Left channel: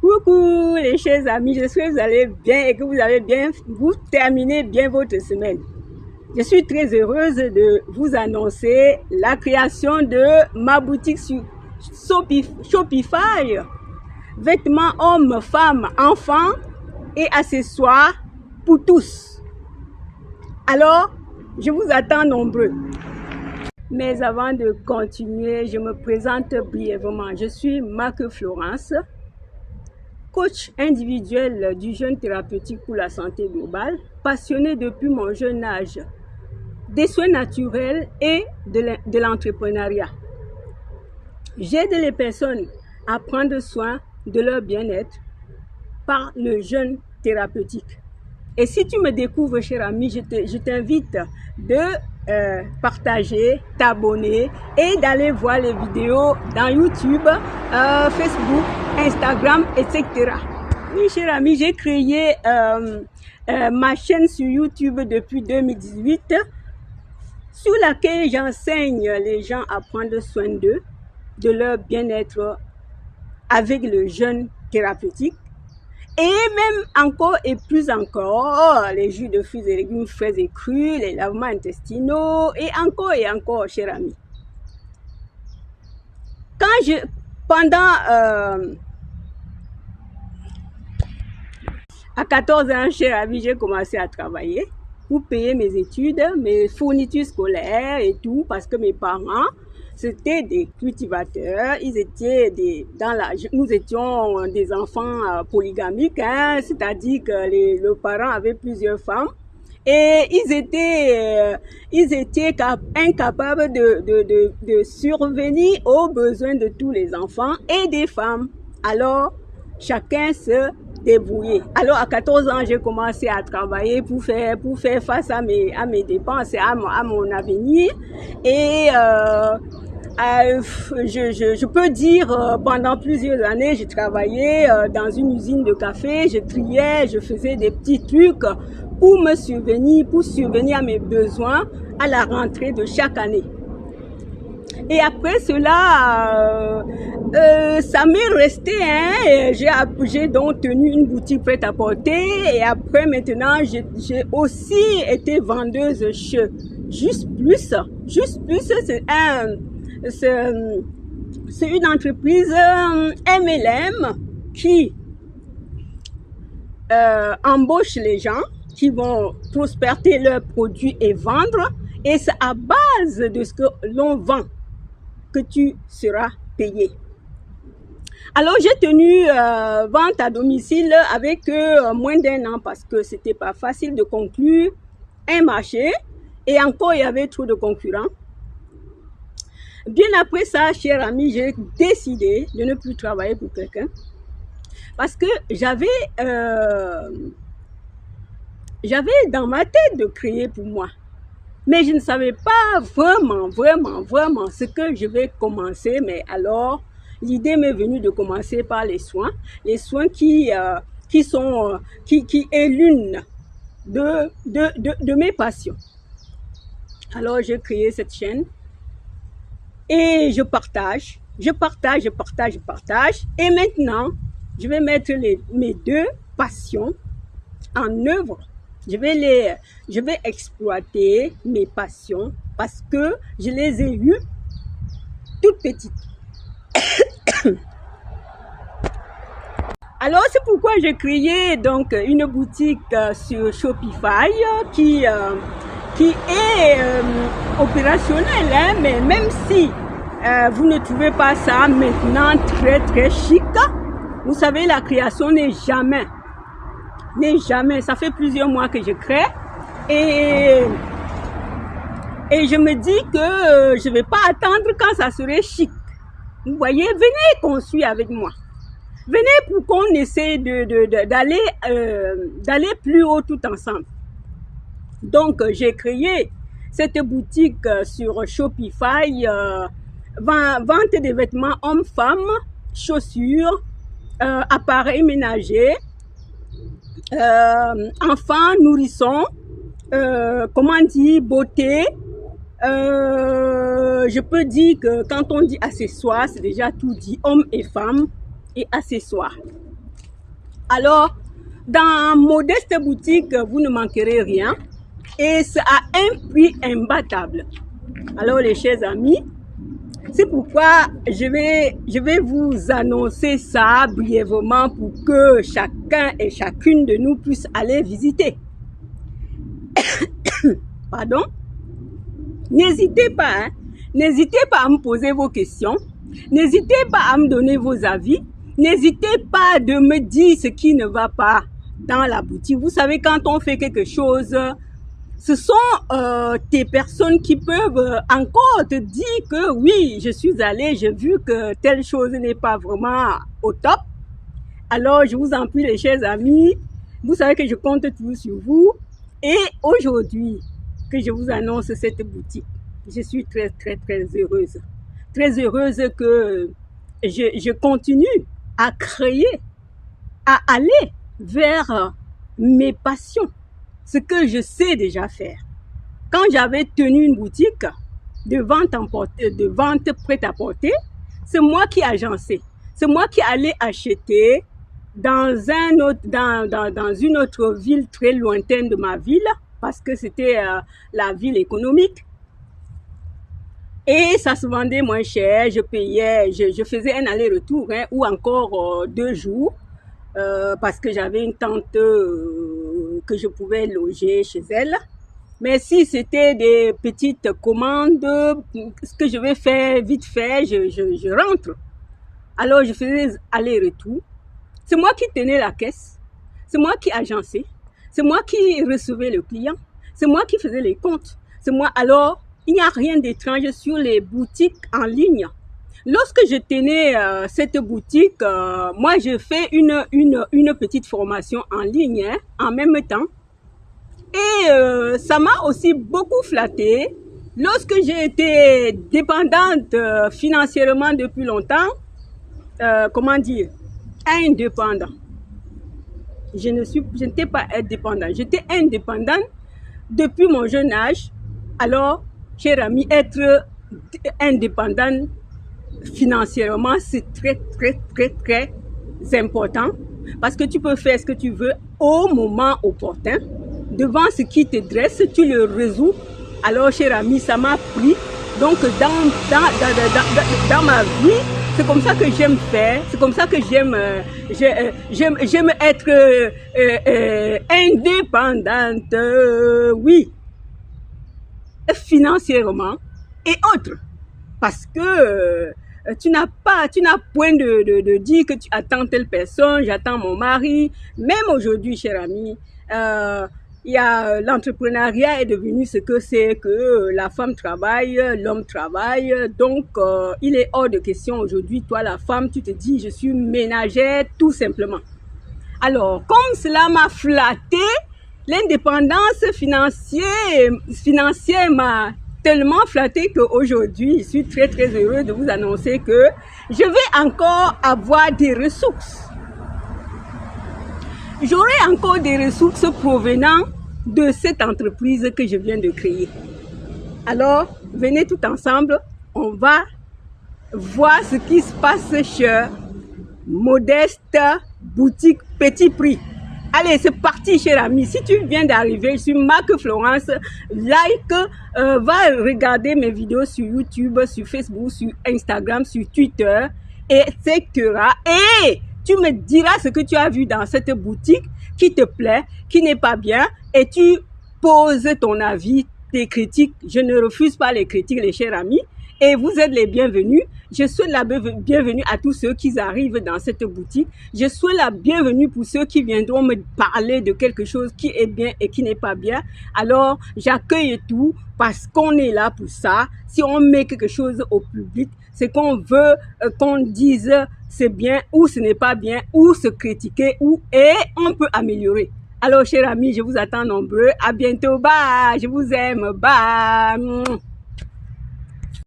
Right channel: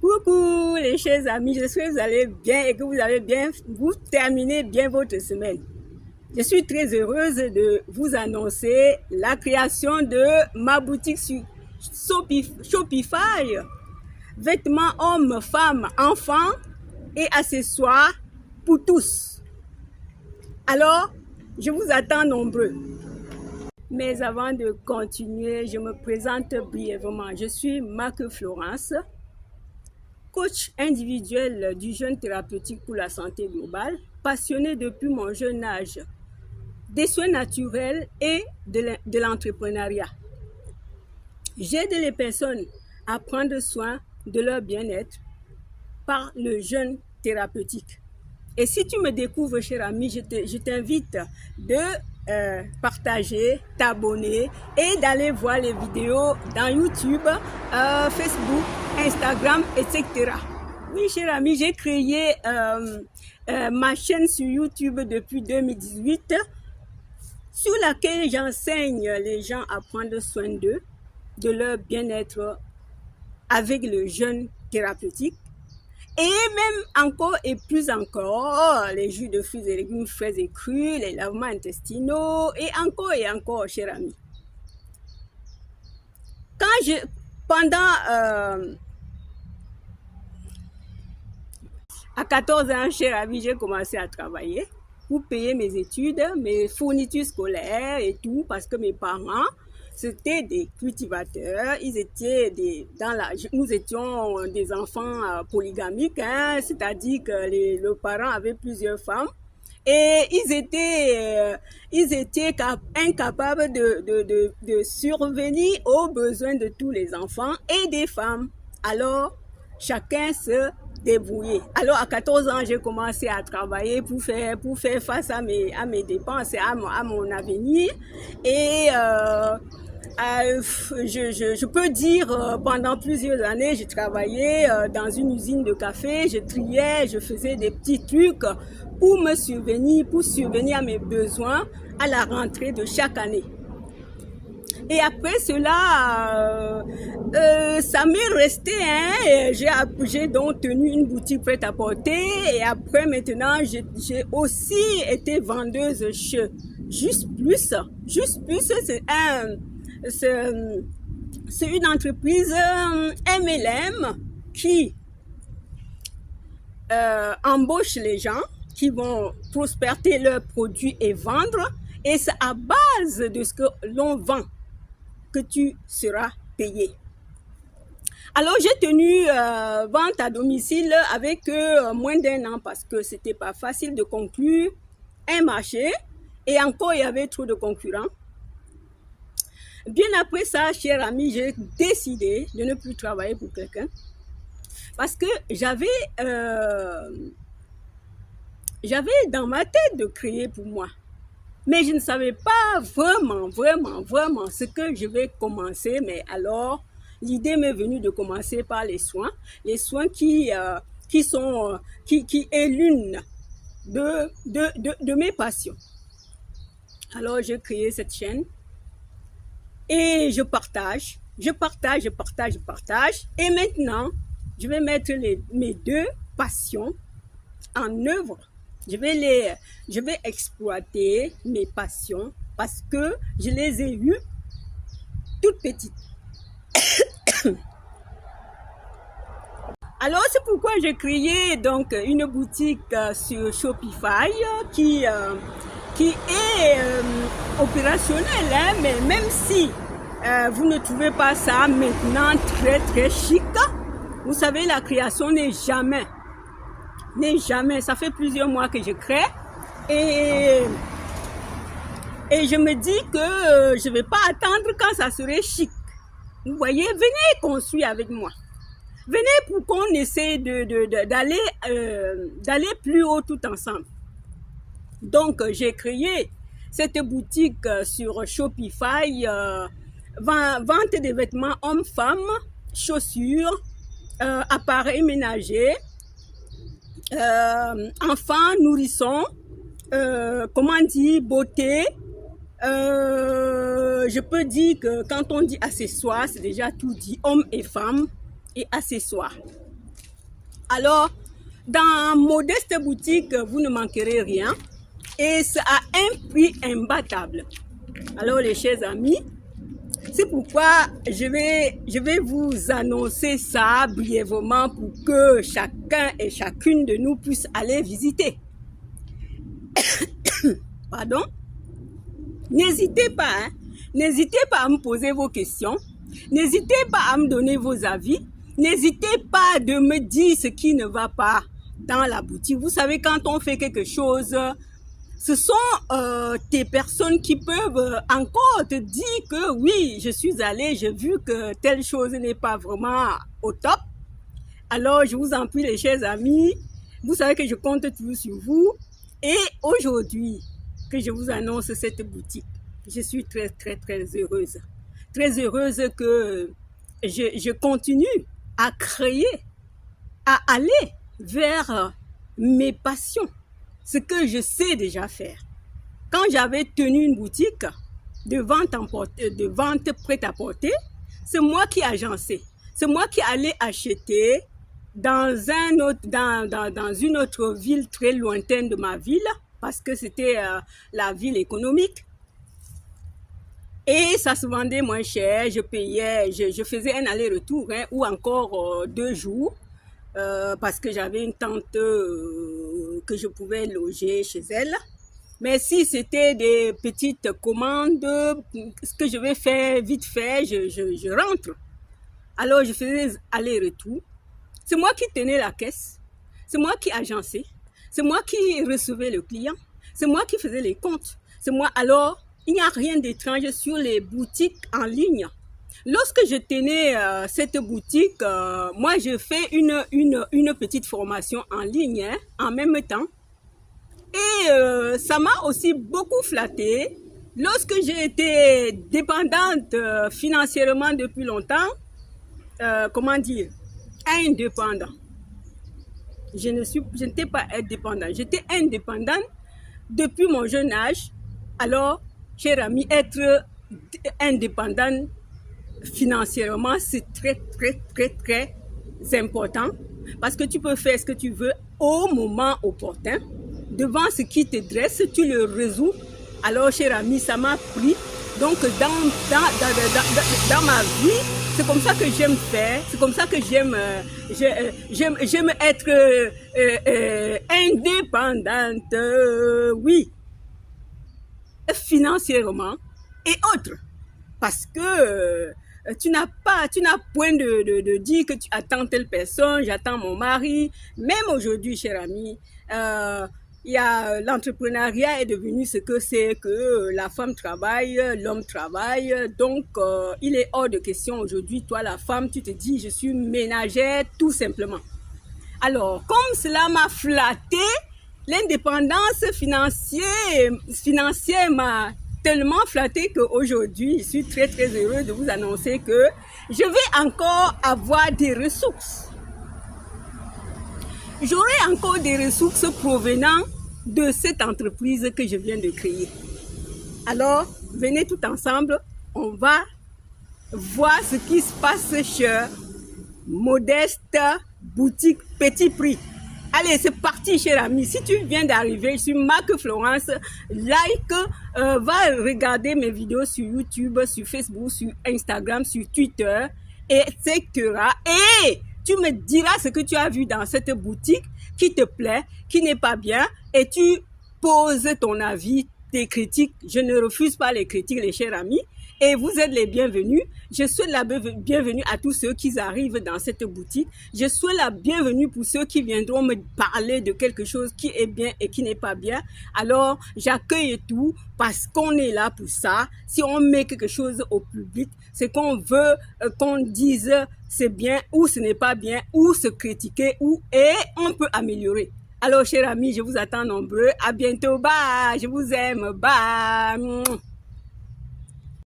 Coucou les chers amis, j'espère que vous allez bien et que vous terminez bien votre semaine. Je suis très heureuse de vous annoncer la création de ma boutique sur Shopify. Vêtements hommes, femmes, enfants et accessoires pour tous. Alors, je vous attends nombreux. Mais avant de continuer, je me présente brièvement. Je suis Marc Florence, coach individuel du jeûne thérapeutique pour la santé globale, passionnée depuis mon jeune âge des soins naturels et de l'entrepreneuriat. J'aide les personnes à prendre soin de leur bien-être par le jeûne thérapeutique. Et si tu me découvres, cher ami, je t'invite de partager, t'abonner et d'aller voir les vidéos dans YouTube, Facebook, Instagram, etc. Oui, cher ami, j'ai créé ma chaîne sur YouTube depuis 2018 sur laquelle j'enseigne les gens à prendre soin d'eux, de leur bien-être avec le jeûne thérapeutique. Et même encore et plus encore, les jus de fruits et légumes frais et crus, les lavements intestinaux, et encore, cher ami. À 14 ans, cher ami, j'ai commencé à travailler pour payer mes études, mes fournitures scolaires et tout, parce que mes parents, c'était des cultivateurs, nous étions des enfants polygamiques, hein, c'est-à-dire que les parents avaient plusieurs femmes et ils étaient incapables de survenir aux besoins de tous les enfants et des femmes. Alors, chacun se débrouillait. Alors, à 14 ans, j'ai commencé à travailler pour faire face à mes dépenses et à mon avenir. Et je peux dire, pendant plusieurs années, j'ai travaillé dans une usine de café, je triais, je faisais des petits trucs pour subvenir à mes besoins à la rentrée de chaque année. Et après cela, ça m'est resté, hein, j'ai donc tenu une boutique prêt-à-porter et après maintenant, j'ai aussi été vendeuse chez Juste Plus, c'est une entreprise MLM qui embauche les gens qui vont prospérer leurs produits et vendre. Et c'est à base de ce que l'on vend que tu seras payé. Alors, j'ai tenu vente à domicile avec moins d'1 an parce que c'était pas facile de conclure un marché et encore il y avait trop de concurrents. Bien après ça, cher ami, j'ai décidé de ne plus travailler pour quelqu'un parce que j'avais dans ma tête de créer pour moi. Mais je ne savais pas vraiment ce que je vais commencer. Mais alors, l'idée m'est venue de commencer par les soins qui est l'une de mes passions. Alors, j'ai créé cette chaîne et je partage. Et maintenant, je vais mettre mes deux passions en œuvre. Je vais exploiter mes passions parce que je les ai eues toutes petites. Alors, c'est pourquoi j'ai créé donc une boutique sur Shopify qui est opérationnelle, hein, mais même si vous ne trouvez pas ça maintenant très chic, vous savez, la création n'est jamais. Ça fait plusieurs mois que je crée et je me dis que je ne vais pas attendre quand ça serait chic. Vous voyez, venez construire avec moi. Venez pour qu'on essaie d'aller plus haut tout ensemble. Donc, j'ai créé cette boutique sur Shopify, vente des vêtements hommes-femmes, chaussures, appareils ménagers, enfants, nourrissons, beauté. Je peux dire que quand on dit accessoires, c'est déjà tout dit, hommes et femmes et accessoires. Alors, dans Modeste Boutique, vous ne manquerez rien et c'est à un prix imbattable. Alors, les chers amis, c'est pourquoi je vais vous annoncer ça brièvement pour que chacun et chacune de nous puisse aller visiter. Pardon? N'hésitez pas, hein? N'hésitez pas à me poser vos questions. N'hésitez pas à me donner vos avis. N'hésitez pas de me dire ce qui ne va pas dans la boutique. Vous savez, quand on fait quelque chose, ce sont des personnes qui peuvent encore te dire que oui, je suis allée, j'ai vu que telle chose n'est pas vraiment au top. Alors, je vous en prie, les chers amis, vous savez que je compte toujours sur vous. Et aujourd'hui, que je vous annonce cette boutique, je suis très, très, très heureuse. Très heureuse que je continue à créer, à aller vers mes passions, ce que je sais déjà faire. Quand j'avais tenu une boutique de vente prêt-à-porter, c'est moi qui agençais. C'est moi qui allais acheter dans une autre ville très lointaine de ma ville, parce que c'était la ville économique. Et ça se vendait moins cher, je payais, je faisais un aller-retour, hein, ou encore 2 jours, parce que j'avais une tante que je pouvais loger chez elle. Mais si c'était des petites commandes, ce que je vais faire vite fait, je rentre. Alors je faisais aller-retour. C'est moi qui tenais la caisse, c'est moi qui agençais, c'est moi qui recevais le client, c'est moi qui faisais les comptes, c'est moi. Alors, il n'y a rien d'étrange sur les boutiques en ligne. Lorsque je tenais cette boutique, moi je fais une petite formation en ligne, hein, en même temps. Et ça m'a aussi beaucoup flattée. Lorsque j'ai été dépendante financièrement depuis longtemps, comment dire, indépendant. Je n'étais pas indépendante. J'étais indépendante depuis mon jeune âge. Alors, cher ami, être indépendante financièrement, c'est très, très, très, très important. Parce que tu peux faire ce que tu veux au moment opportun. Devant ce qui te dresse, tu le résous. Alors, cher ami, ça m'a pris. Donc, dans ma vie, c'est comme ça que j'aime faire, c'est comme ça que j'aime être indépendante, oui, financièrement et autres. Parce que tu n'as point de dire que tu attends telle personne, j'attends mon mari. Même aujourd'hui, cher ami, l'entrepreneuriat est devenu ce que c'est, que la femme travaille, l'homme travaille. Donc, il est hors de question aujourd'hui, toi la femme, tu te dis, je suis ménagère, tout simplement. Alors, comme cela m'a flatté, l'indépendance financière m'a tellement flatté qu'aujourd'hui, je suis très très heureux de vous annoncer que je vais encore avoir des ressources. J'aurai encore des ressources provenant de cette entreprise que je viens de créer. Alors, venez tout ensemble, on va voir ce qui se passe chez Modeste Boutique Petit Prix. Allez, c'est parti, cher ami. Si tu viens d'arriver, je suis Marc Florence. Like, va regarder mes vidéos sur YouTube, sur Facebook, sur Instagram, sur Twitter, etc. Et tu me diras ce que tu as vu dans cette boutique qui te plaît, qui n'est pas bien, et tu poses ton avis, tes critiques. Je ne refuse pas les critiques, les chers amis, et vous êtes les bienvenus. Je souhaite la bienvenue à tous ceux qui arrivent dans cette boutique. Je souhaite la bienvenue pour ceux qui viendront me parler de quelque chose qui est bien et qui n'est pas bien. Alors, j'accueille tout parce qu'on est là pour ça. Si on met quelque chose au public, c'est qu'on veut qu'on dise c'est bien ou ce n'est pas bien, ou se critiquer, et on peut améliorer. Alors, chers amis, je vous attends nombreux. À bientôt. Bye. Je vous aime. Bye.